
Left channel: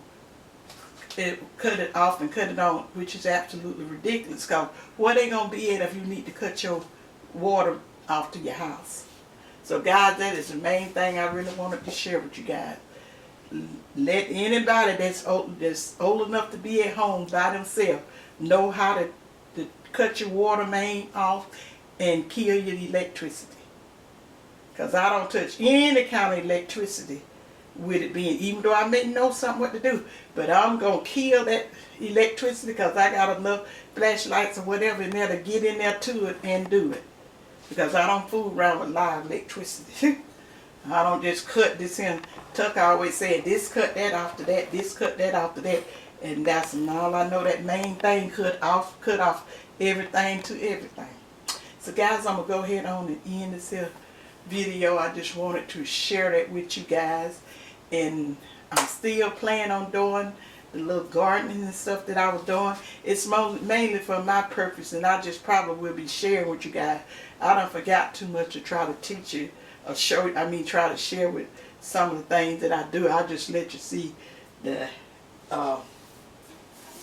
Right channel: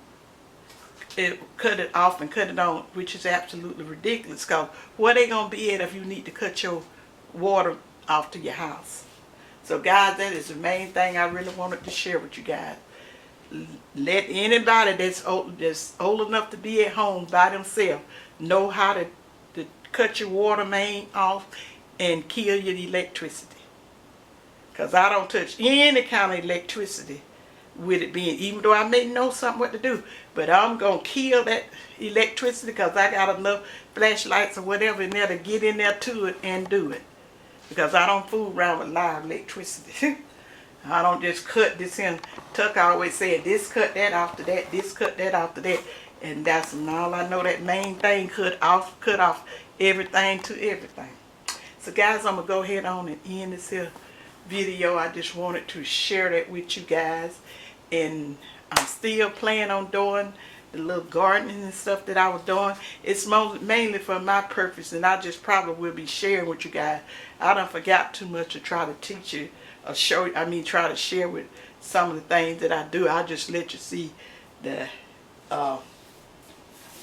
Which is absolutely ridiculous, because where they going to be at if you need to cut your water off to your house? So guys, that is the main thing I really wanted to share with you guys. Let anybody that's old enough to be at home by themselves know how to cut your water main off and kill your electricity. Because I don't touch any kind of electricity with it being, even though I may know something what to do, but I'm going to kill that electricity, because I got enough flashlights or whatever in there to get in there to it and do it. Because I don't fool around with live electricity. I don't just cut this in. Tuck always said, this cut that off to that, this cut that off to that. And that's all I know, that main thing cut off everything to everything. So guys, I'm going to go ahead on and end this here video. I just wanted to share that with you guys. And I'm still planning on doing the little gardening and stuff that I was doing. It's mainly for my purpose, and I just probably will be sharing with you guys. I done forgot too much to try to teach you or try to share with some of the things that I do. I'll just let you see the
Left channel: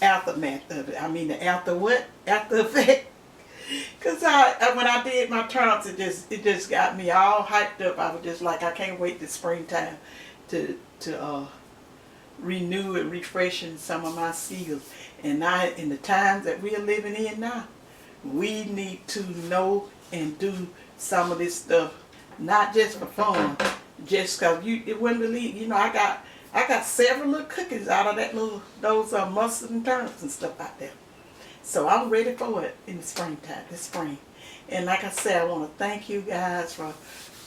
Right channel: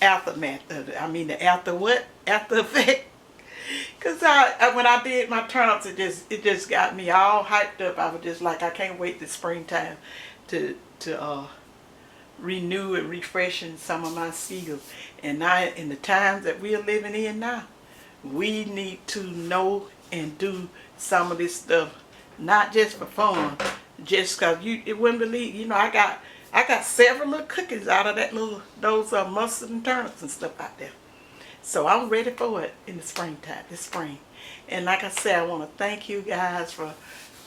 aftermath of it. The after effect. Because when I did my turnips, it just got me all hyped up. I was just like, I can't wait this springtime to renew and refreshing some of my skills. And now, in the times that we are living in now, we need to know and do some of this stuff, not just for fun, just because you wouldn't believe. I got several little cookies out of those mustard and turnips and stuff out there. So I'm ready for it in the springtime, this spring. And like I said, I want to thank you guys for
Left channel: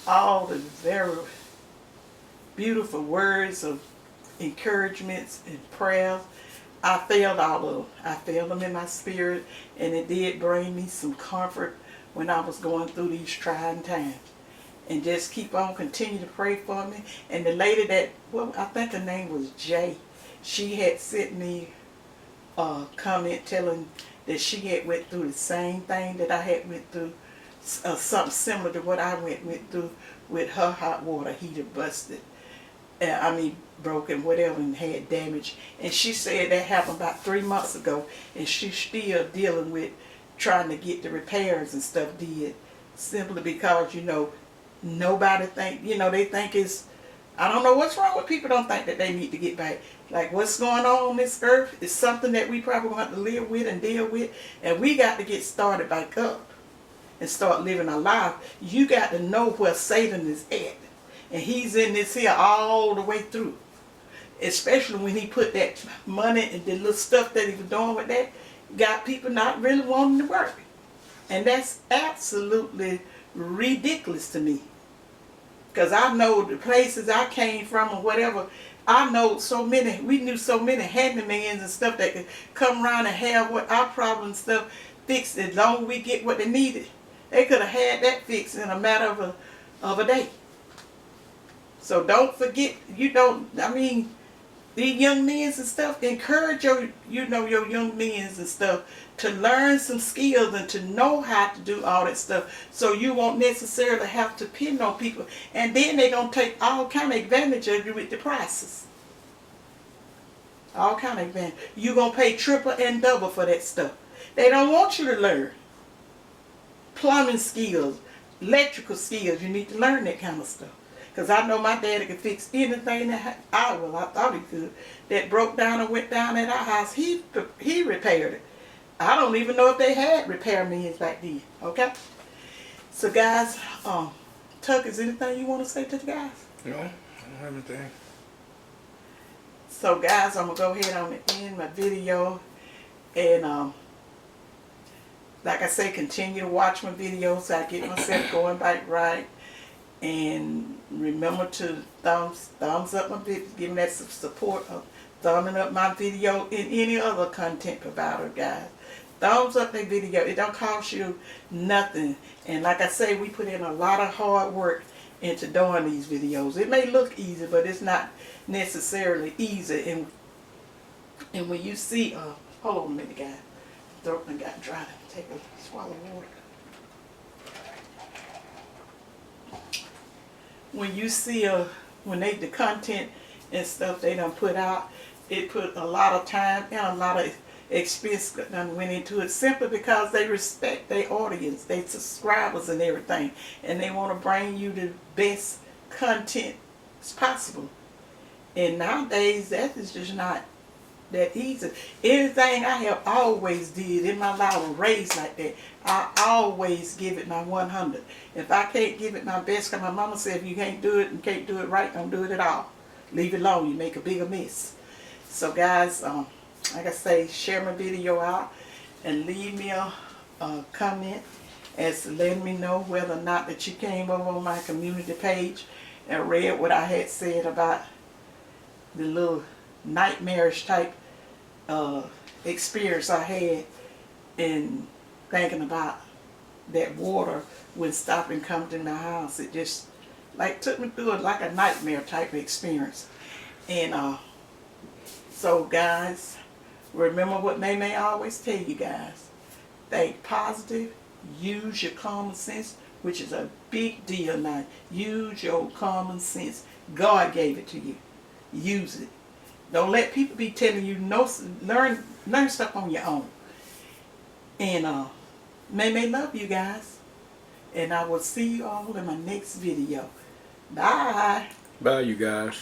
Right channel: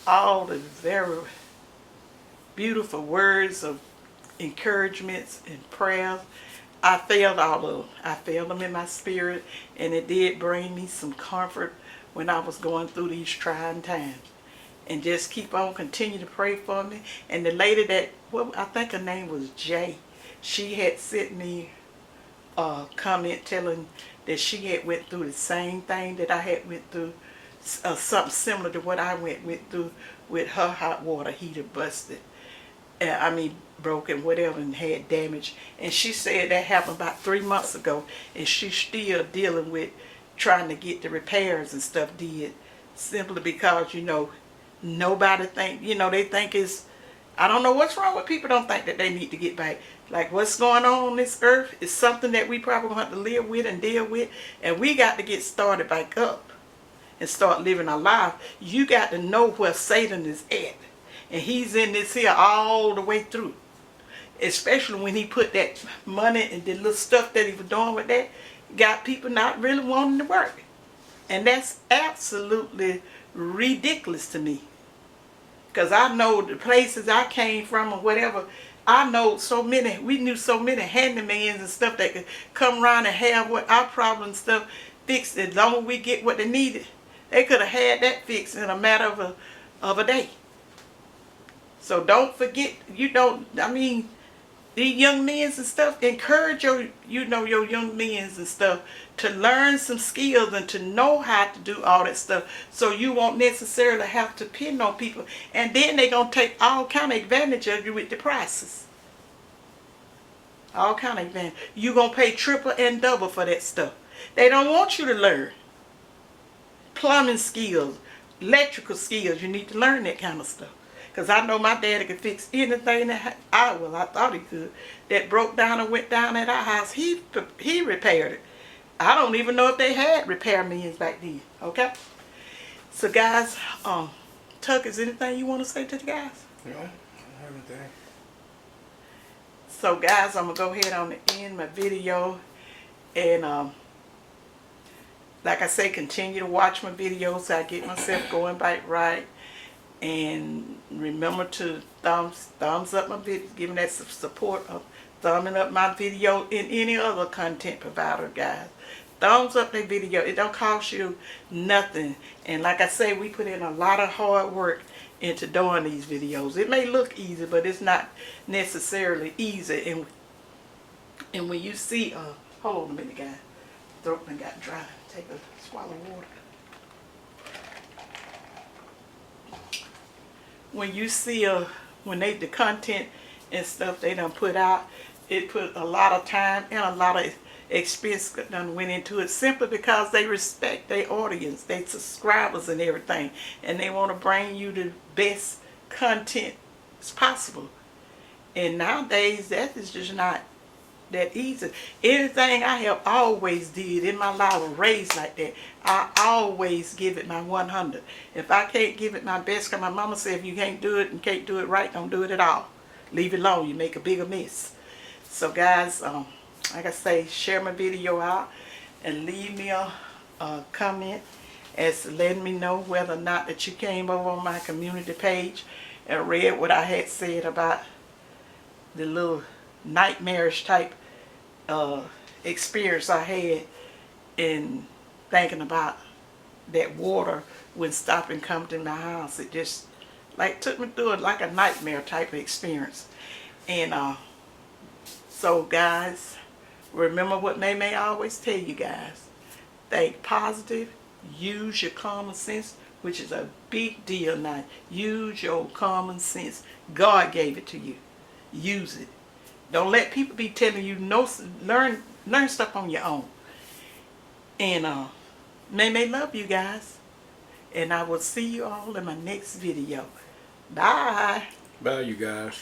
all the very beautiful words of encouragements and prayers. I felt all of them. I felt them in my spirit, and it did bring me some comfort when I was going through these trying times. And just keep on, continue to pray for me. And the lady I think her name was Jay, she had sent me a comment telling that she had went through the same thing that I had went through, something similar to what I went through with her hot water heater busted. Broken, whatever, and had damage. And she said that happened about 3 months ago, and she's still dealing with trying to get the repairs and stuff did, simply because, nobody think, they think it's, I don't know what's wrong with people don't think that they need to get back. Like, what's going on this earth is something that we probably going to have to live with and deal with, and we got to get started back up and start living our life. You got to know where Satan is at. And he's in this here all the way through. especially when he put that money and the little stuff that he was doing with that, got people not really wanting to work. And that's absolutely ridiculous to me. Because I know the places I came from or whatever, I know so many, we knew so many handymans and stuff that could come around and have what our problem stuff fixed as long as we get what they needed. They could have had that fixed in a matter of a day. So don't forget, these young men and stuff, encourage your young men and stuff to learn some skills and to know how to do all that stuff, so you won't necessarily have to pin on people, and then they're going to take all kind of advantage of you with the prices. All kind of advantage. You're going to pay triple and double for that stuff. They don't want you to learn plumbing skills, electrical skills. You need to learn that kind of stuff. Because I know my daddy could fix anything that I thought he could, that broke down or went down at our house. He repaired it. I don't even know if they had repairmen back then. Okay? So guys, Tuck, is anything you want to say to the guys? No, I don't have anything. So guys, I'm going to go ahead on and end my video. And like I say, continue to watch my videos so I get myself going back right. And remember to thumbs up my video, give me that support of thumbing up my video and any other content provider, guys. Thumbs up that video. It don't cost you nothing. And like I say, we put in a lot of hard work into doing these videos. It may look easy, but it's not necessarily easy. And when you see, hold on a minute, guys. Throat done got dry. Take a swallow of water. When you see when the content and stuff they done put out, it put a lot of time and a lot of expense done went into it, simply because they respect their audience, their subscribers and everything, and they want to bring you the best content as possible. And nowadays that is just not that easy. Anything I have always did in my life was raised like that. I always give it my 100. If I can't give it my best, because my mama said if you can't do it and can't do it right, don't do it at all. Leave it alone, you make a bigger mess. So guys, like I say, share my video out and leave me a comment as to letting me know whether or not that you came over on my community page and read what I had said about the little nightmarish type experience I had in thinking about that water when stopping coming to my house. It just like took me through it like a nightmare type of experience. And so guys, remember what May always tell you guys. Think positive, use your common sense, which is a big deal now. Use your common sense. God gave it to you. Use it. Don't let people be telling you no. Learn stuff on your own. And May love you guys. And I will see you all in my next video. Bye. Bye, you guys.